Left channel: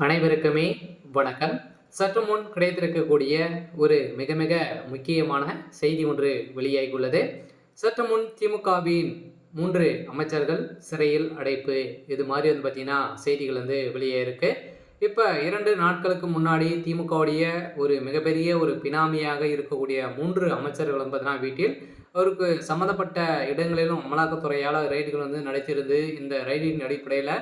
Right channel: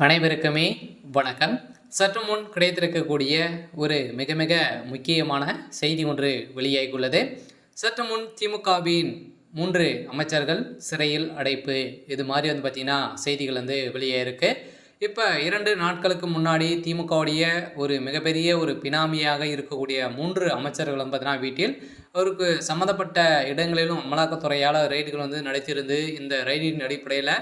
அனைவருக்குமே வணக்கம். சற்று முன் கிடைத்திருக்கக்கூடிய ஒரு மிக மிக முக்கியமான செய்தி ஒன்று வெளியாகியுள்ளது. சற்று முன் திமுகவின் 3 அமைச்சர்கள் சிறையில் அடைப்பு, இது மாதிரி பார்த்தீங்கன்னா செய்திகள் வெளியாயிருக்கு. இப்போ 2 நாட்களுக்கு முன்னாடி திமுகவுடைய ஒரு மிகப்பெரிய ஒரு பினாமியாக இருக்கக்கூடிய 3 அமைச்சர்கள் பார்த்தீங்கன்னா வீட்டில் அவருக்கு சம்மந்தப்பட்ட இடங்களிலும் அமலாக்கத்துறையால் ரெய்டுகள் நடத்தியிருந்து, இந்த ரெய்டின் அடிப்படையில்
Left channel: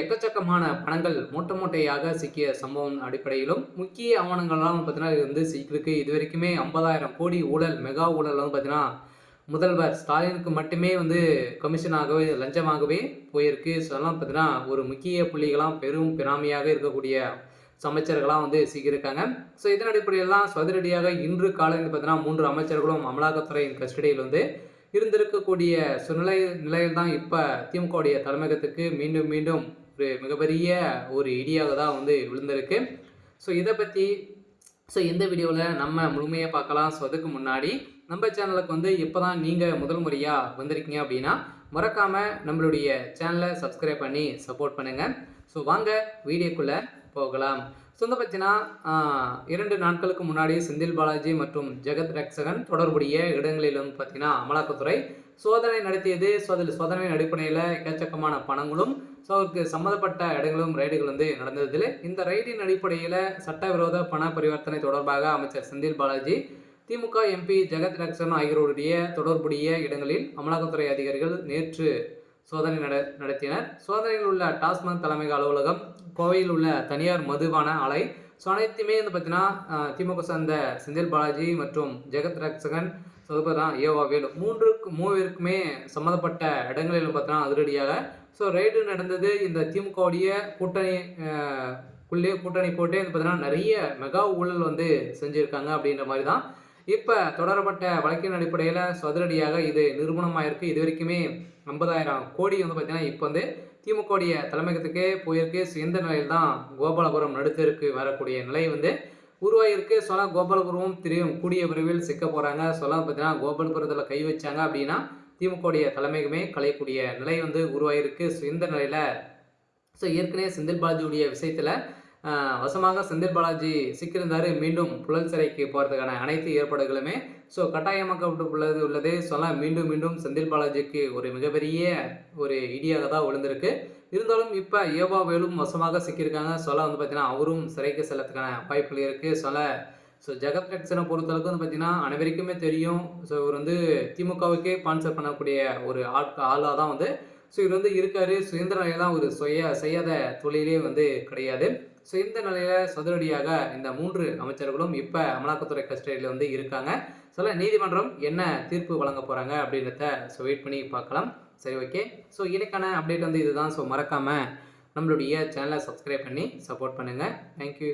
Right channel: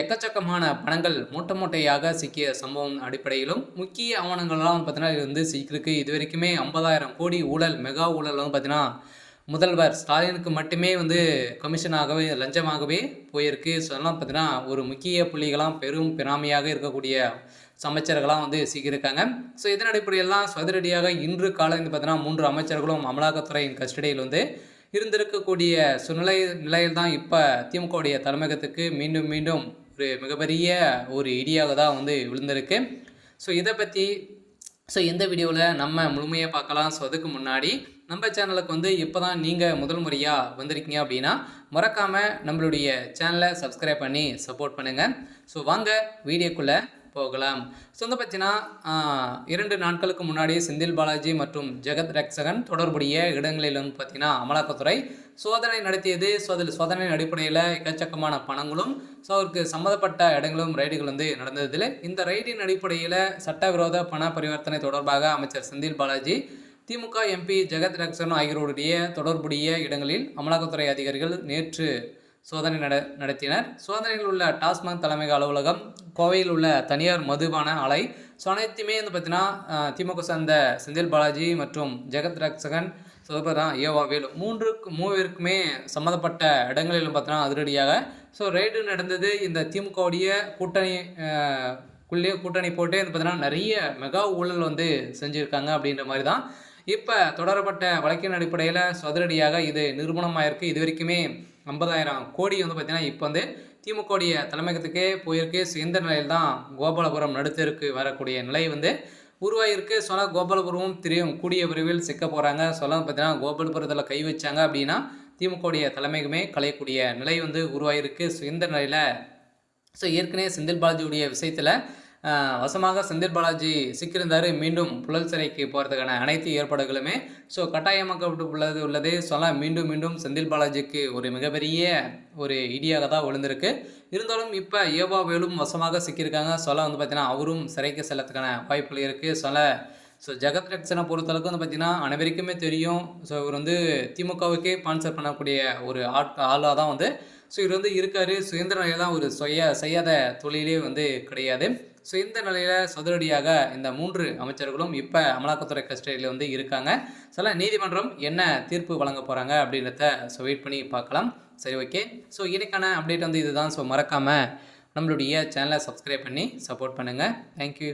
எக்கச்சக்கமான பணங்கள் மூட்டை மூட்டையாக சிக்கிய சம்பவம் அடிப்படையிலும் முக்கிய ஆவணங்கள்லாம் பார்த்தீங்கன்னா சிக்கிருக்கு. இது வரைக்குமே 50,000 கோடி ஊழல், மெகா ஊழல் பார்த்தீங்கன்னா முதல்வர் ஸ்டாலினுக்கு மட்டுமே கமிஷனாகவே லஞ்சமாகவே போயிருக்கு. ஸோ அதெல்லாம் பார்த்தீங்கன்னா ஒரு முக்கிய புள்ளிகளாம் பெரும் பினாமியாக இருக்கக்கூடிய அமைச்சர்களாம் சிக்கியிருக்காங்க. ஸோ இதன் அடிப்படையெல்லாம் சதுரடியாக இன்று காலை பார்த்தீங்கன்னா 3 அமைச்சர்களும் அமலாக்கத்துறையின் கஸ்டடியில் இருந்திருக்கக்கூடிய நிலையில் தான் இப்போ திமுகவுடைய தலைமையகத்துக்கு மீண்டும் மீண்டும் ஒரு மிகப்பெரிய ஒரு இடியாக தான் விழுந்திருக்கு. ஸோ இதை பற்றி இந்த வீடியோவில் நம்ம முழுமையாக பார்க்கலாம். ஸோ அதுக்கு முன்னாடி நம்ம சேனலுக்கு இப்போ தான் நீங்கள் முதல் முறையாக வந்திருக்கீங்க அப்படின்னா மறக்காமல் நம்மளுடைய சேனலை சப்ஸ்கிரைப் பண்ணி சப்போர்ட் பண்ணுங்கள். ஸோ வாங்க வீடியோக்குள்ளே போகலாம். ஸோ பார்த்தீங்கன்னா 2 நாட்களுக்கு முன்னாடி செந்தில் பாலாஜி மற்றும் ஜெகத் ரட்சகன் தொடர்புடைய இடங்களில் பார்த்தீங்கன்னா அமலாக்கத்துறை சோதனை நடத்தியது. ஸோ அதில் சோதனையின் அடிப்படையில் எக்கச்சக்கமான பணங்களும் அவருக்கு சம்மந்தப்பட்ட இடங்களும் ரைடுகள் நடந்ததில் இந்த ரைடின் அடிப்படையில் சட்டவிரோத பண பரிவர்த்தனை தொடர்பாக அமைச்சர் செந்தில் பாலாஜி, திமுக எம்பி ஜெகத் ரட்சகன் ஆகியோருடைய தொடர்புடைய இடங்களில் அமலாக்கத்துறை அதிகாரிகள் நேற்று சோதனை நடத்தினர். சோதனையில் உள்ள டாஸ்மாக் தலைமை அலுவலகம், கோவையில் உள்ள தனியார் மதுபான ஆலை, ஸோ அனைத்துமே பார்த்தீங்கன்னா திமுக சார்ந்த செந்தில் பாலாஜி மற்றும் ஜெகத் ரட்சகன் ஏவா வேலு மூவருக்குமே சம்மந்தப்பட்ட இடங்களிலும் பார்த்தீங்கன்னா அதிரடியாக ரைடு நடந்தது. இந்த திமுகவுடைய கூட்டணி போட்டு பார்த்தீங்கன்னா நிறைய மெகா ஊழல் செஞ்சுருக்காங்க அப்படின்ற மாதிரி தான் இப்போ தொடரப்பட்ட வழக்கின் அடிப்படையில் அதிரடியாக இது நிரூபணமாயிருக்கு. இது வரைக்குமே 50,000 கோடி பார்த்தீங்கன்னா இப்போ திமுகவுடைய தலைமையகத்துக்கே போயிருக்கு. இந்த நிலையில் தான் கோபாலபுரம் நடுத்தருக்கு வரக்கூடிய நிலை உருவாகிருக்கு. கோபாலபுரமும் தெரியும் கூடிய விரைவில் சிக்க போகிறாங்க. பார்த்தீங்கன்னா கோபாலபுரத்தில் கை வச்சாங்க அப்படின்னா திமுகவுடைய தலைமையகமே கலையக்கூடிய நிலை உருவாகிருக்கு. இந்த நிலையில் ஏற்கனவே செந்தில் பாலாஜியுடைய விஷயத்தில் வசமாக செந்தில் பாலாஜி சிக்கியிருந்தார். மீண்டும் புழல் சிறைக்கு போகிறதுக்கான அனைத்து ஏற்பாடுகளுமே கட்டாயமாக்கப்பட்டுள்ளது. மீண்டும் மீண்டும் செந்தில் பாலாஜிக்கு ஒரு மிகப்பெரிய ஒரு இடியாக தான் விழுந்திருக்கு. இருந்தாலும் இப்போ ஏவா வேலும் வசமாக சிக்கியிருக்காங்க. பார்த்தீங்கன்னா அவரும் சிறைக்கு செல்லத்துக்கான வாய்ப்புகள் இருக்குது. ஜெகத் ரட்சனை பொறுத்தளவுக்கு பார்த்தீங்கன்னா அனைவருக்குமே தெரியும். இவர் திமுகவுக்கே ஸ்பான்சர் பண்ணக்கூடிய ஒரு ஆளாக தான் இவர் இருக்கார். இந்த நிலையில் தான் ஒரு செய்யாத தொழிலே கிடையாது. இந்த நிலையில் சதுரடியாக இந்த 3 அமைச்சர்களும் இப்போ அமலாக்கத்துறை கஸ்டடியில் இருக்காங்க. நீதிமன்றம் என்ன தீர்ப்பு வழங்க போகிறாங்க அப்படின்றத வெயிட் பண்ணி பார்க்கலாம். சரி, ஓகே. இதுக்கான அப்டேட் இதுதான். மறக்காமல் நம்மளுடைய சேனலை சப்ஸ்கிரைப் பண்ணி சப்போர்ட் பண்ணுங்கள். தேங்க்யூ.